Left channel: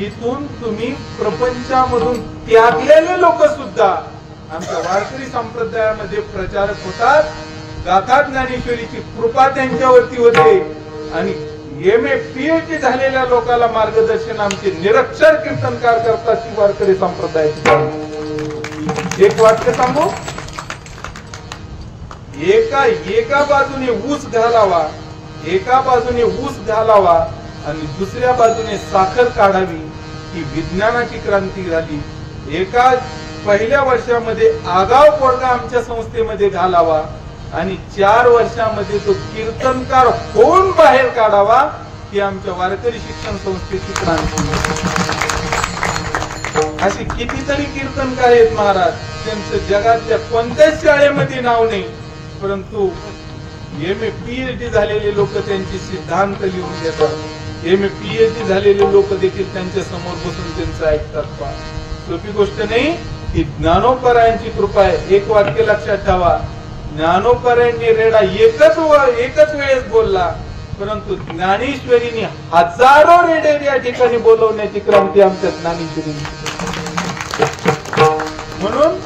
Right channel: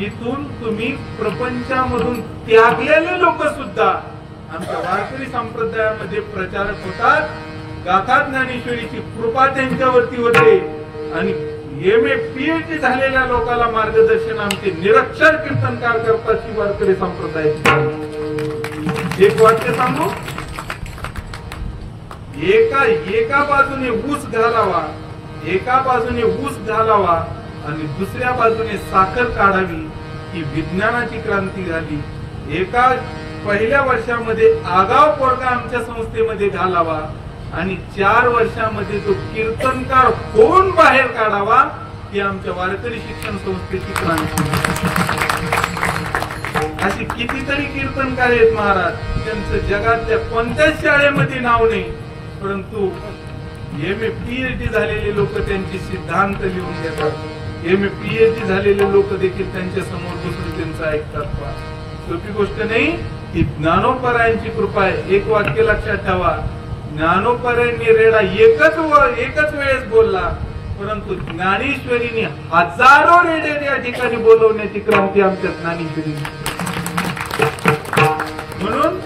इथून तुम्ही प्रपंचामधून त्यागलेले लोक सुद्धा आमच्या वारकरी संप्रदायामध्ये प्रचारक होतात, गाथा ज्ञानेश्वरीची कृपा त्यांच्यावरती होते आणि MA PhD झालेल्या लोकांना मार्गदर्शन आमचे निरक्षर कीर्तनकार करतात ही वारकरी संप्रदायाची। एक वाक्य सांगू, एका बाजूने ऊस घालावा, एका बाजूने ऊस घालावा आणि दुसऱ्या बाजूने साखर काढावी ही विज्ञानाची क्रांती झाली। एका पहिल्या वर्षामध्ये आगाव पोरगा आमच्या संस्थेमध्ये घालावा आणि 4 वर्षामध्ये तो कीर्तनकार होऊन बाहेर काढावा ही आमच्या वारकरी शिक्षण संस्थेची क्रांती। अशी कितीतरी कीर्तनकार आहेत महाराज, त्यांचं जगातल्या कोणत्याच शाळेमध्ये नाव नाही, परंतु MA PhD झालेले लोक त्यांचे सिद्धांत लिहून घेतात। MA PhD झालेले लोक देखील त्यांच्या समोर बसून त्यांचं ऐकतात। सोपी गोष्ट नाही, ही ज्ञानोपरायांची कृपा आहे। एक वाक्य लक्षात ठेवा, ज्ञानोपरायांनी रेडा एकच वेळेस बोलला, परंतु ज्ञानेश्वरीने हजारो रेडे या ठिकाणी बोलवण्याची क्रांती आमच्या ज्ञानेश्वरीने। म्हणून